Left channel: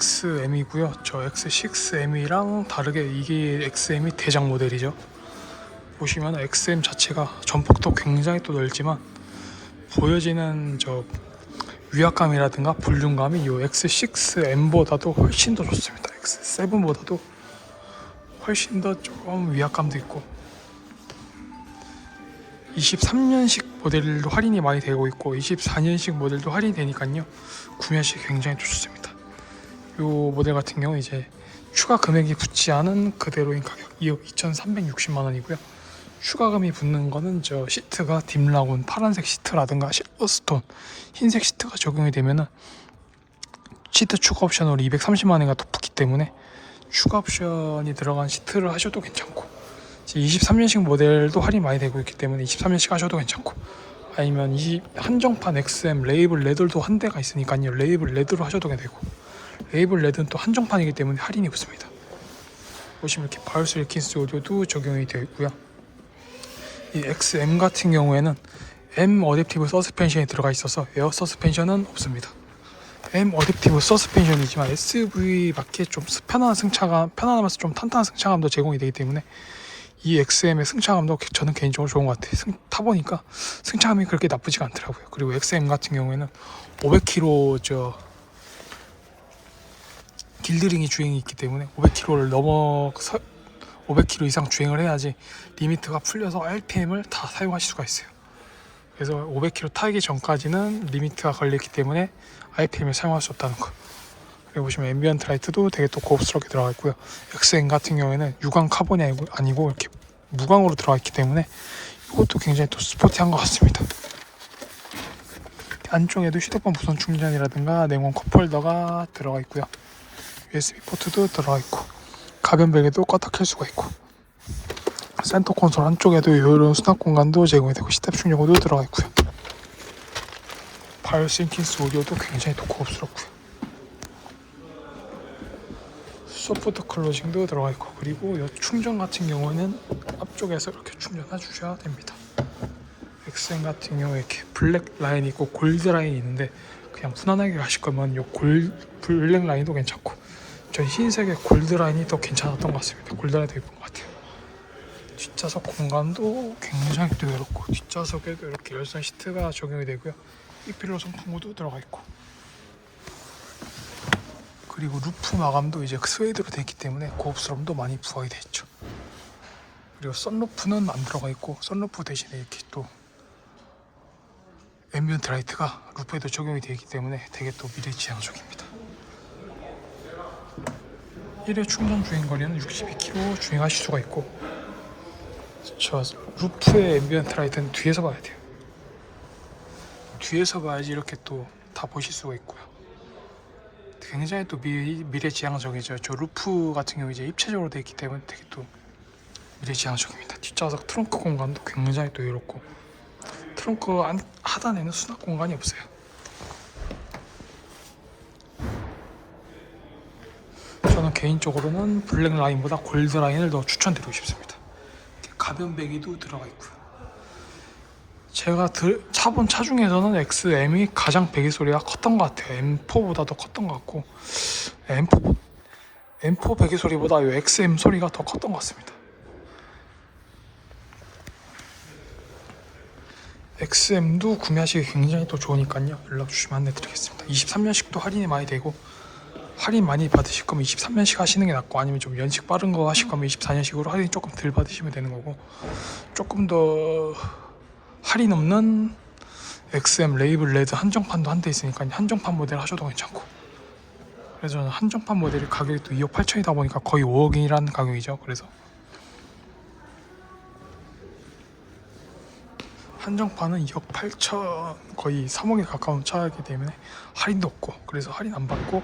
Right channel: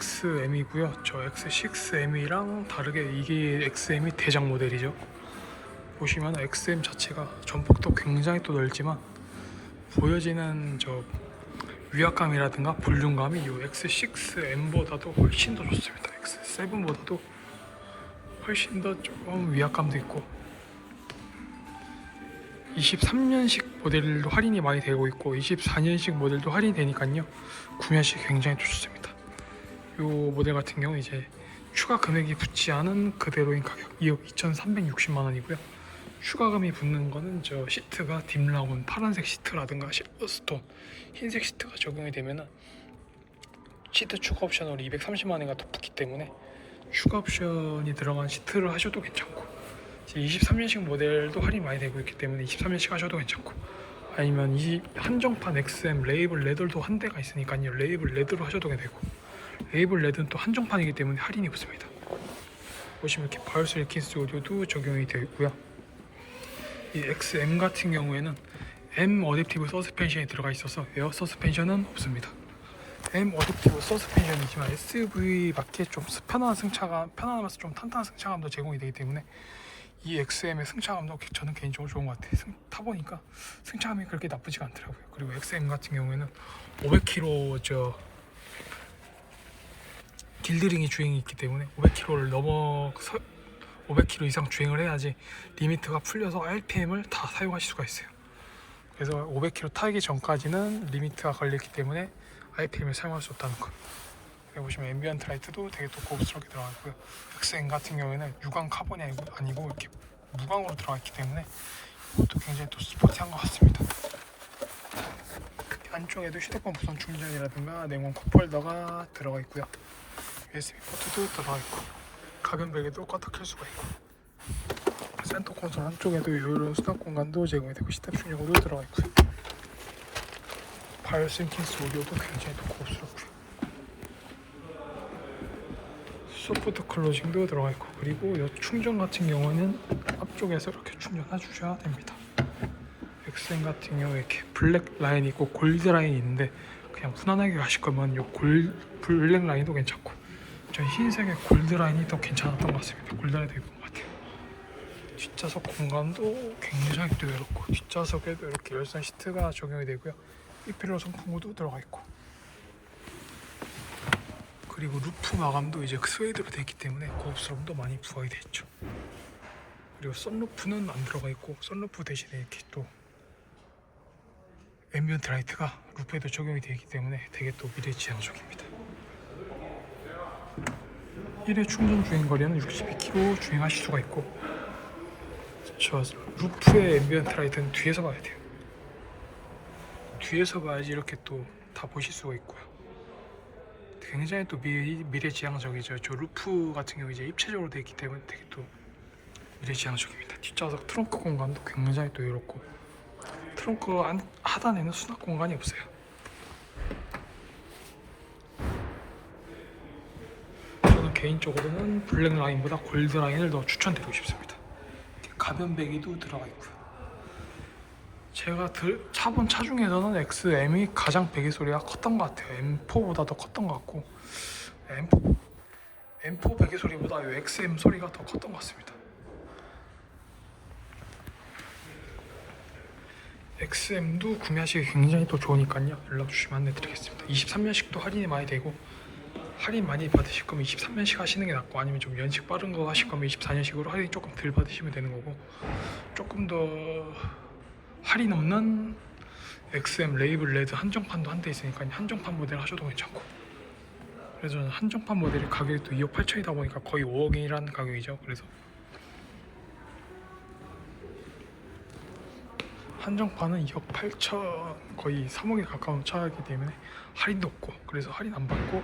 XM이고요. 저 X6M이랑 다르게 이게 XM이 대장 모델이죠. 보시면 XM 자체가 전폭도 굉장히 또 넓지만 보여지는 저 위압감이라든가 볼륨감이 이 X6M보다도 훨씬 더 좋습니다. X7보다도 훨씬 더 조금 위압감도 있고 23년식 모델도 할인이 많이 되고 있고 24년식 모델도 할인이 되니까요 구매하시 굉장히 또 좋습니다. 이 모델 같은 경우 이제 추가 금액이 붙지 않은 그대로인 가격 2억 2,360만 원이고요. 추가금이 붙는 거는 저 시트가 딥라군 파란색 시트라든가 실버스톤 흰색 시트가 적용이 되면은 시트 추가 옵션으로 230만 원가 더 붙기 때문에 추가 옵션이 들어간 시트를 하셔도 괜찮고 23년식 모델도 할인 많이 되고 있기 때문에 23년식 하셔도 괜찮고 아니면 이 한정판 XM 레이블 레들도 한 대가 있으니까요 레이블 레드로 하셔도 되고 레이블 레드는 또 한정판이기 때문에 할인이 붙습니다 보시면 이렇게 바이오스 일킨스 오디오도 적용이 되어 있고요 이 XM 같은 경우에는 M 어댑티브 서스펜션이 들어가 있어서 에어 서스펜션은 없습니다 M 어댑티브 서스펜션이지만 SV 맞게 좀 편안한 승차감, 편안하면서 좀 탄탄한 승차감도 제공이 되기 때문에 이 XM의 승차감도 저는 개인적으로 좋은 것 같아요. 승, 타보니까 승차감이 그렇게 나쁘지가 않더라고요. 그리고 XM 같은 경우에는 500km 저 길드링이 주행이 있기 때문에 500km를 넘어 500km 이상 주행을 해야지 리미트가 풀려서 RPM을 다 사용하실 수가 있어요. 그래서 500km 타기 전까지는 리미트가 걸렸기 때문에 RPM을 사용할 수 없다는 거. 그리고 보시면 앰비언트 라이트도 되게 또 고급스럽게 들어가 있고요. XM 같은 경우에는 유광 카본이 아니고, 아니고 이렇게 무광으로 들어가 있기 때문에 이것도 굉장히 또 스포티한 것 같습니다. 안쪽에도 휴대폰 무선 충전이라든가 냉온 컵홀더가 들어가 있고요. USB 포트도 들어가 있고 가변 베개도 껐다 켤 수가 있고 센터 콘솔 안쪽에도 이런 수납 공간도 제공이 되고 시탭 충전구도 들어가 있고요. 바이오 싱킹스 오디오도 굉장히 또 고급스럽고요. 소프트 클로징도 들어가 있고 그리고 이 충전 같은 경우는 앞쪽에서 이렇게 충전해 주셔야 됩니다. 엑센 같은 경우에 이렇게 블랙 라인이 있고 골드 라인이 있는데 그냥 무난하게 가실 거면 이 골 블랙 라인도 괜찮고 전 흰색의 골드 라인이 더 괜찮았던 것 같습니다. 골드 라인이 더 예쁜 것 같아요. 뒷좌석 공간도 굉장히 또 넓고 뒷좌석에도 이렇게 열선 시트가 적용이 되고요. 삐필로 선풍구도 들어가 있고 그리고 루프 마감도 이제 스웨이드로 되어 있기 때문에 고급스러움도 많이 부각이 되어 있죠. 그리고 썬루프는 안 들어가 있고 썬루프 대신에 이렇게 또 앰비언트 라이트가 루프에도 적용이 되어 있기 때문에 되게 또 미래지향적입니다. 1회 충전 주행 거리는 62km 주행하실 수가 있고 저 루프의 앰비언트 라이트는 뒤에서 봐야 돼요. 뒤에서 봐야지 이렇게 또 다 보실 수가 있고요. 굉장히 또 미, 미래지향적이죠. 저 루프 같은 경우 이제 입체적으로 되어 있기 때문에 되게 또 미래지향적입니다. 뒷좌석 트렁크 공간도 굉장히 또 이렇고 트렁크 안, 하단에는 수납 공간이 없어요. 저는 개인적으로는 블랙 라인보다 골드 라인을 더 추천드리고 싶습니다. 가변 배기도 들어가 있고요. 제가 들, 차본 차 중에서는 XM이 가장 배기 소리가 컸던 것 같아요. M4보다 더 컸던 것 같고 M4 M4 배기 소리보다 이 XM 소리가 더 컸던 것 같습니다. XM도 구매하시기 굉장히 또 좋으니까요. 연락 주시면 안내드리겠습니다. 23년식도 할인이 많이 되고 할인 많이 받으실 거면 23년식 하시는 게 낫고 아니면 좀 연식 빠른 거 하실 거면 24년식으로 할인 조금 덜 받으시면 되는 거고 조금 더 할인 없는 XM 레이블 레드 한정판도 한 대 있으니까 한정판 모델 하셔도 괜찮고 그래서 저는 한정판 모델이 가격이 또 2억 8천이다 보니까 거의 5억이라는 가격이죠. 그래서 한정판은 2억 8천 거의 3억에 가까운 차이기 때문에 할인도 없고 그래서 할인 안 받고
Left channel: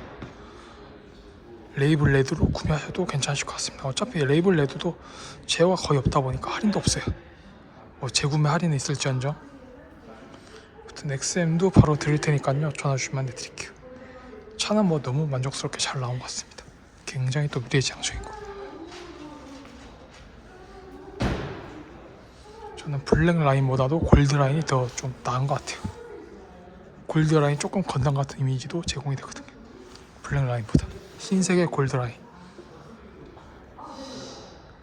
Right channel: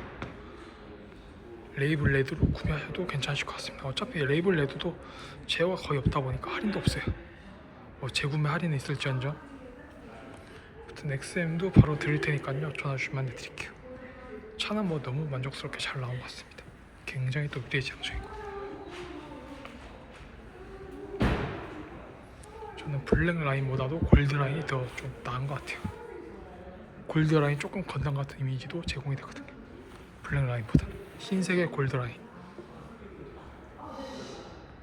레이블 레드로 구매하셔도 괜찮으실 것 같습니다. 어차피 레이블 레드도 제어가 거의 없다 보니까 할인도 없어요. 뭐 재구매 할인은 있을지언정. 아무튼 XM도 바로 드릴 테니까요. 전화 주시면 안내드릴게요. 차는 뭐 너무 만족스럽게 잘 나온 것 같습니다. 굉장히 또 미래지향적이고 저는 블랙 라인보다도 골드 라인이 더 좀 나은 것 같아요. 골드 라인 조금 건담 같은 이미지도 제공이 되거든요. 블랙 라인보다 흰색의 골드라인